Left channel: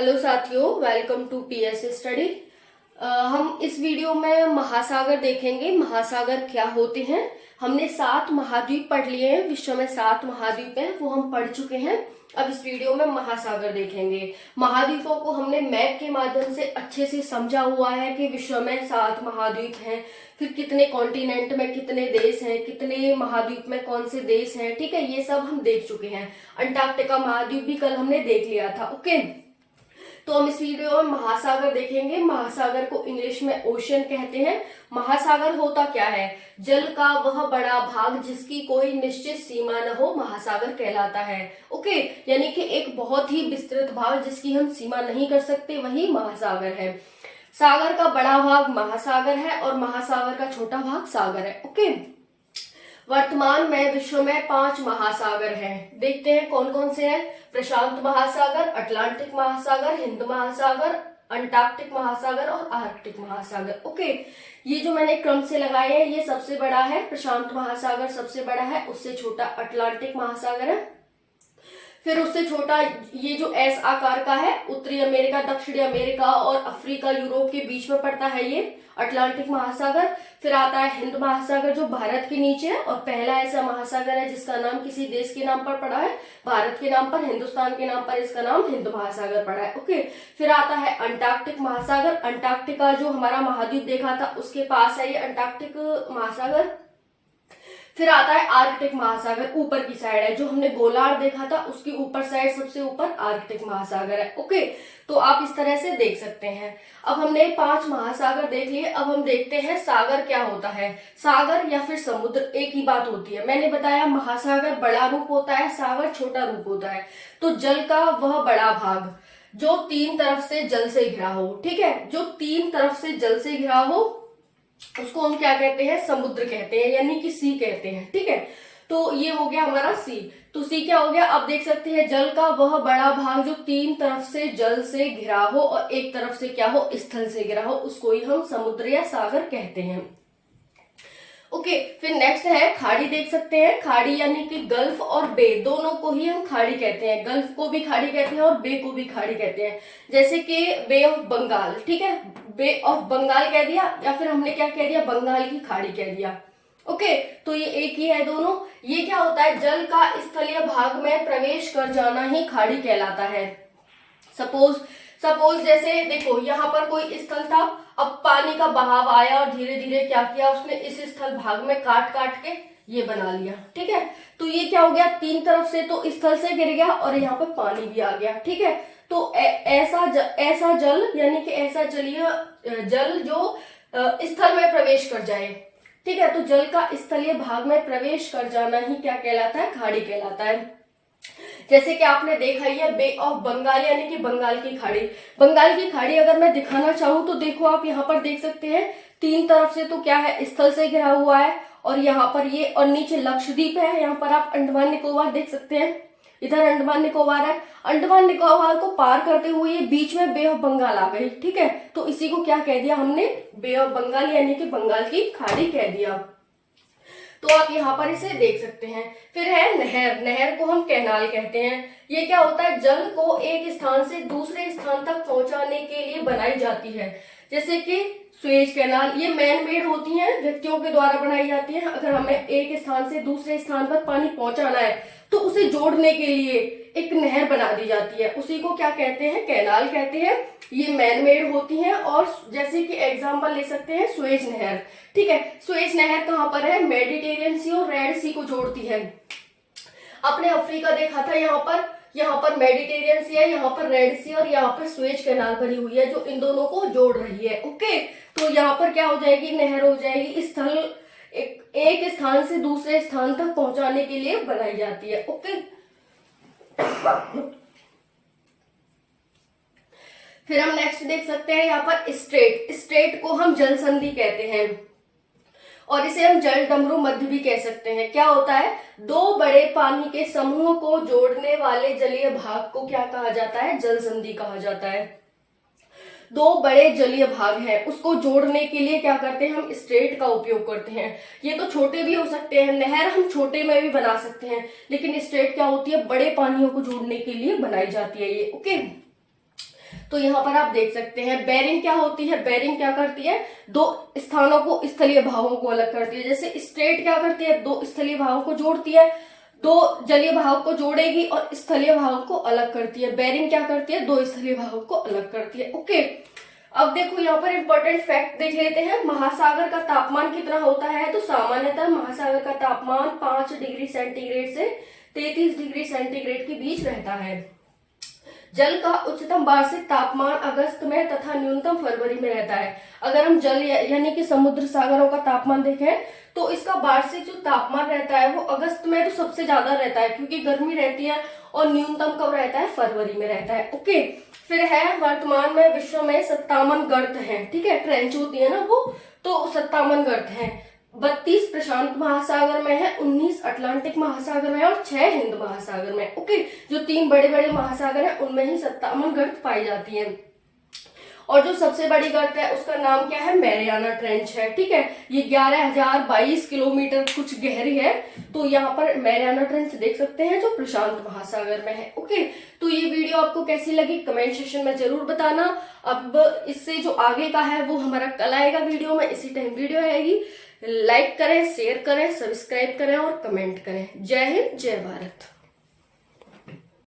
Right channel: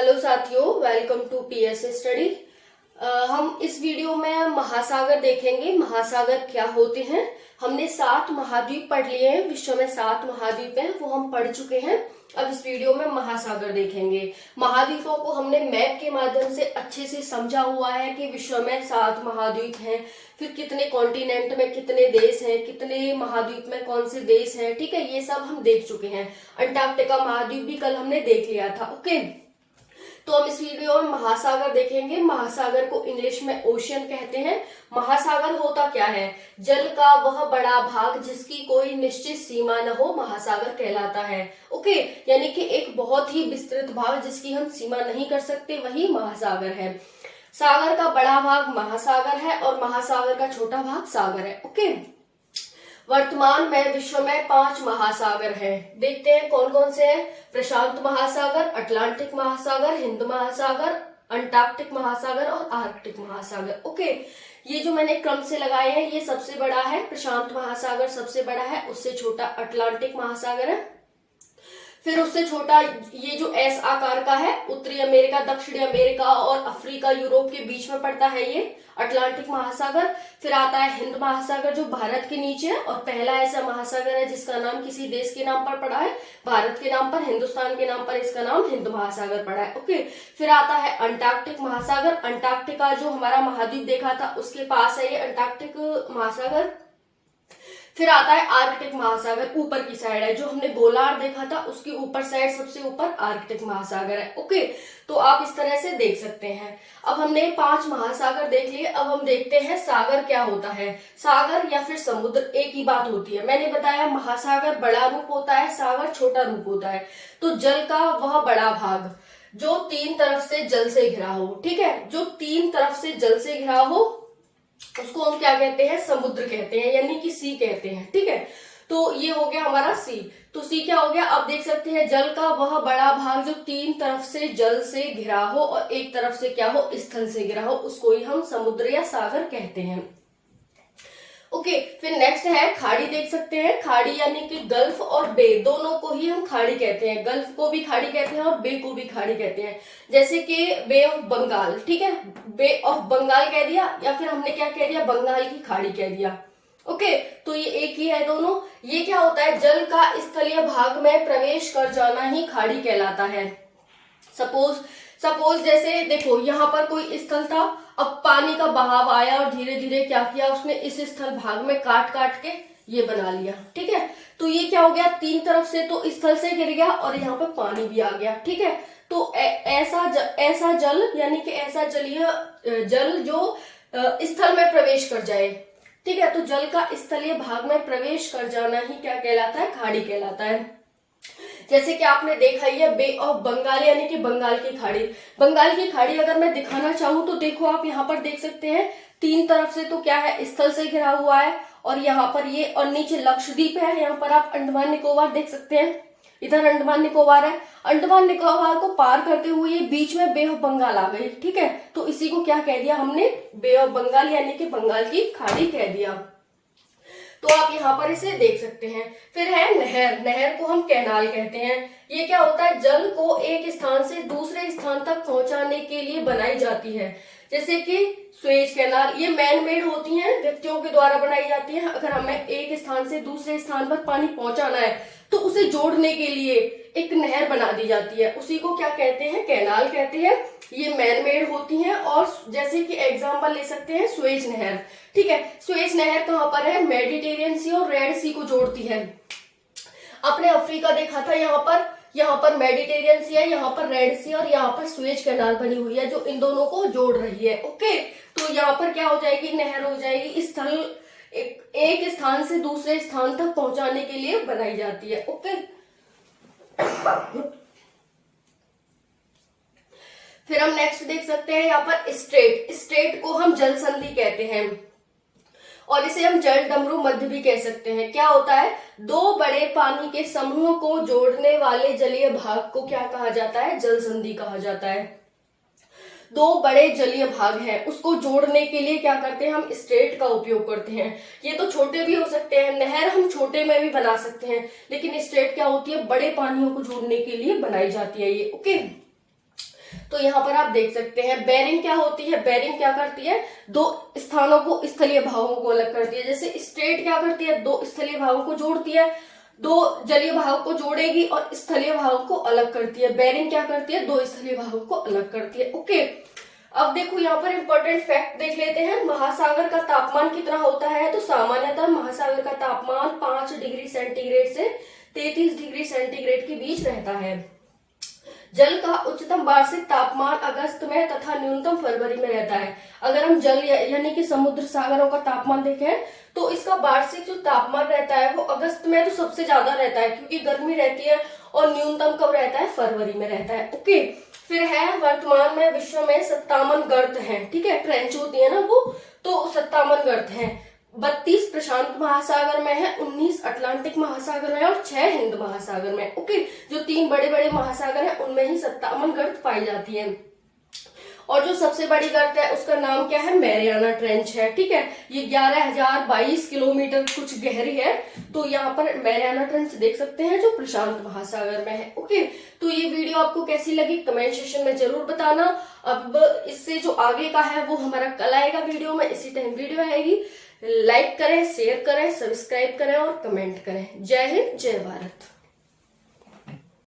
Hello साथियों, welcome to PS study. हम इस वीडियो में महासागर देखेंगे। महासागर क्या होते हैं। हमने 7 महाद्वीप पढ़ लिए हैं। विश्व में 7 महाद्वीप हैं, वो हम पढ़ चुके हैं। अब इस वीडियो में महासागर देखेंगे। महाद्वीपों को हमने मैप के माध्यम से अच्छे से समझा हुआ है कि विश्व में 7 महाद्वीप हैं, फिर कितने कॉन्टिनेंट में कितने देश हैं, कितने महाद्वीप में कौन से देश हैं। ठीक है, ये सब हम देख चुके हैं। अंटार्कटिका महाद्वीप भी कल हमने देख लिया था। ओके, तो हम इस वीडियो में महासागर देखेंगे। महासागर को इंग्लिश में ओशियन कहते हैं। महासागर होता क्या है? जल का वह बड़ा भाग जिसकी कोई निश्चित सीमा न हो, महासागर कहलाता है। ओके, यानी कि एक बहुत ही विस्तृत भाग जिसकी हम सीमा नहीं कर सकते, वही महासागर है। सागर का बड़ा भाग महासागर है और महासागर का छोटा भाग सागर है। ओके, वर्तमान में विश्व में 5 महासागर हैं। देखते हैं कौन कौन से हैं। प्रशांत महासागर, अटलांटिक महासागर, हिंद महासागर, अंटार्कटिक महासागर और आर्कटिक महासागर। ओके, ये जो मैंने क्रम से लगाए हैं, ये सबसे बड़ा है प्रशांत महासागर, सबसे बड़ा है। उससे छोटा अटलांटिक महासागर है। फिर उससे छोटा ये जो एस आकार का है, उत्तरी अमेरिका, दक्षिणी अमेरिका और अफ्रीका, यूरोप के बीच में पड़ता है, ये अटलांटिक महासागर। फिर आता है हिंद महासागर जो भारत के नीचे है और पहला ऐसा महासागर है जिसका नाम किसी देश के नाम पर पड़ा है। भारत के नाम पर, हिंदुस्तान के नाम पर इसका नाम हिंद महासागर पड़ा है। ओके, फिर आता है अंटार्कटिक महासागर। अंटार्कटिका जो हमारा महाद्वीप देखा था उसके पास है ये अंटार्कटिक महासागर। फिर आता है आर्कटिक महासागर, ऊपर की साइड है। जो हमने गोलार्ध देखा था उसकी ऊपर साइड, सबसे ऊपर आर्कटिक महासागर है। ओके, तो आप इस तरह से देख सकते हैं। अब हमने 5 महासागर देख लिए। अब हम देखते हैं सागर क्या होता है। सागर या फिर समुद्र एक ही बात होती है। मैंने बताया महासागर बड़ा रूप होता है, सागर छोटा रूप होता है। तो जल का वह बड़ा भाग जो 3 तरफ से जल से घिरा हो, ठीक है, जो 3 तरफ से जल से घिरा हो उसको हम क्या कहते हैं? समुद्र कहते हैं, यानी कि सी कहते हैं। ठीक है, तो ये हो गया हमारा सी। तो सी क्या हो गया? आप देख सकते हैं जल का वह बड़ा भाग जो 3 तरफ से जल से घिरा हो और एक तरफ से क्या हो? स्थल से घिरा हो, उसको ही हम समुद्र या सागर कहते हैं। ओके, फिर नेक्स्ट है खाड़ी। देख सकते हैं खाड़ी यानी कि गल्फ और बे, दोनों को ही हम खाड़ी कहते हैं। गल्फ को भी खाड़ी कहते हैं और बे को भी खाड़ी कहते हैं। जैसे कि बे ऑफ बंगाल, ठीक है, बे ऑफ बंगाल कह दिया या फिर हमने क्या कह दिया? बंगाल की खाड़ी कह दिया। ओके, तो ये एक ही है दोनों। ये क्या होता है? जल का स्थलीय भाग में प्रवेश कर जाना ही खाड़ी कहलाता है। सपोज जैसे देखो यहाँ पर कोई स्थल था, अब पानी का बहाव आया और धीरे धीरे क्या किया उसने? इस स्थल भाग में काट काट के ये बना लिया। ठीक है, तो ये क्या हो गया? 3 तरफ से तो स्थल से गिर गया और यहाँ पे पानी भी आ गया। ठीक है, तो ऐसा जल यानी कि ऐसा जलीय जल जो स्थल में प्रवेश कर जाए। ठीक है, तो जल का स्थलीय भाग में प्रवेश कर जाना ही क्या कहलाता है? खाड़ी कहलाता है। जैसे कि आपने देखा ही है बे ऑफ बंगाल यानी कि बंगाल की खाड़ी। बंगाल की खाड़ी अगर मैं दिखाना चाहूँ तो देखो आप यहाँ पर देख सकते हैं 3 तरफ से तो क्या है? स्थल से घिरा हुआ है और यहाँ पर ये और नीचे लक्षद्वीप है। यहाँ पर आप अंडमान निकोबार देख सकते हैं, इधर अंडमान निकोबार है। अंडमान निकोबार को पार करते हुए ये बीच में बे ऑफ बंगाल आ गई। ठीक है, तो इसी को क्या कह दिया हमने? बे ऑफ बंगाल यानी कि बंगाल की खाड़ी कह दिया। तो आप यहाँ पर इसे देख सकते हैं। फिर है नहर। नहर को हम कैनाल कहते हैं। ये क्या होता है? जल को एक स्थान से दूसरे स्थान तक पहुंचाने के लिए बनाई जाती है। जैसे कि स्वेज कैनाल, ये मैन मेड होती हैं, व्यक्तियों के द्वारा बनाई जाती है। अगर हमें एक स्थान से दूसरे स्थान पर पानी पहुंचाना है तो उसे जोड़ने के लिए एक नहर बना दी जाती है, उसी को क्या कहते हैं? कैनाल कहते हैं। ये मैन मेड होती हैं और जैसे कि एग्जांपल ले सकते हैं स्वेज नहर। ठीक है, स्वेज नहर कहाँ पर है? मेडिटेरियन सी और रेड सी को जोड़ती है। अपने अफ्रीका देखा था, यहाँ पर मेडिटेरियन सी है, यहाँ पर रेड सी और यहाँ पर स्वेज कैनाल बनी हुई है जो इन दोनों को जोड़ रही है। ओके, तो यहाँ पर क्या हो जाएगी? नहर हो जाएगी। स्थल एक स्थान से दूसरे स्थान तक पहुंचाने के लिए बनाई जाती है। ओके, फिर हम नेक्स्ट देख सकते हैं यहाँ पर स्ट्रेट। स्ट्रेट को हम जल संधि कहते हैं और इसे हम जल डमरू मध्य भी कह सकते हैं। क्या होता है? 2 बड़े पानी के समूह को जोड़ने वाले जलीय भाग को क्या कहा जाता है? जल संधि कहा जाता है। 2 बड़े जलीय भाग हैं, उसको जोड़ने के लिए क्या करते हैं? हम स्ट्रेट का उपयोग करते हैं। ये तो छोटे भी हो सकते हैं, नहर हम छोटे में भी बना सकते हैं, लेकिन स्ट्रेट क्या होती है? बड़े पानियों को जोड़ने के लिए बनाई जाती है ये। ओके, तो यहाँ पर आप देख सकते हैं बेरिंग क्या होती है। बेरिंग क्या करती है, दो स्थानों को, स्थलीय भागों को अलग करती है। जैसे स्ट्रेट क्या करती है, दो स्थलीय भागों को जोड़ती है, दो जलीय भाग को जोड़ेगी और स्थलीय भाग को अलग करती है। बेरिंग क्या करती है, दो स्थलीय भागों को अलग करती है। ओके, अब देखो यहाँ पर इंपॉर्टेंट फैक्ट देख लेते हैं। महासागर का तापमान कितना होता है, तो सामान्यतः महासागर का तापमान 5 डिग्री सेंटीग्रेड से 33 डिग्री सेंटीग्रेड के बीच रहता है। जल का उच्चतम वार्षिक तापमान अगस्त में तथा न्यूनतम फरवरी में रहता है। अगर हम जल यानी कि समुद्र सागरों का तापमान देखें तो इसका वार्षिक जो तापमान रहता है वो अगस्त में तो सबसे ज्यादा रहता है क्योंकि गर्मी रहती है, और न्यूनतम कब रहता है, फरवरी में रहता है। ओके, फिर है वर्तमान में विश्व में 57 गर्त हैं। ठीक है, ट्रेंच होती है ना वो, तो 57 गर्त हैं। 32 प्रशांत महासागर में है, 19 अटलांटिक महासागर में और 6 हिंद महासागर में। ओके, जो 3 बड़े बड़े महासागर हैं उनमें ही 57 गर्त पाई जाती है। और जो सबसे बड़ी गर्त है उसका नाम क्या है, मैरियाना ट्रेंच है। ठीक है, ये 11,022 किलोमीटर कुछ गहरी है। तो यहाँ पर मैरियाना ट्रेंच देख सकते हैं जो प्रशांत महासागर में है। ओके, तो ये वीडियो आपको कैसी लगी कमेंट सेक्शन में जरूर बताना। अब इससे जो आगे का है वो हमारा कल आएगा वीडियो में, इसी टाइम वीडियो आएगी। लाइक करें, शेयर करें, सब्सक्राइब करें और कमेंट करें। जय हिंद, जय भारत।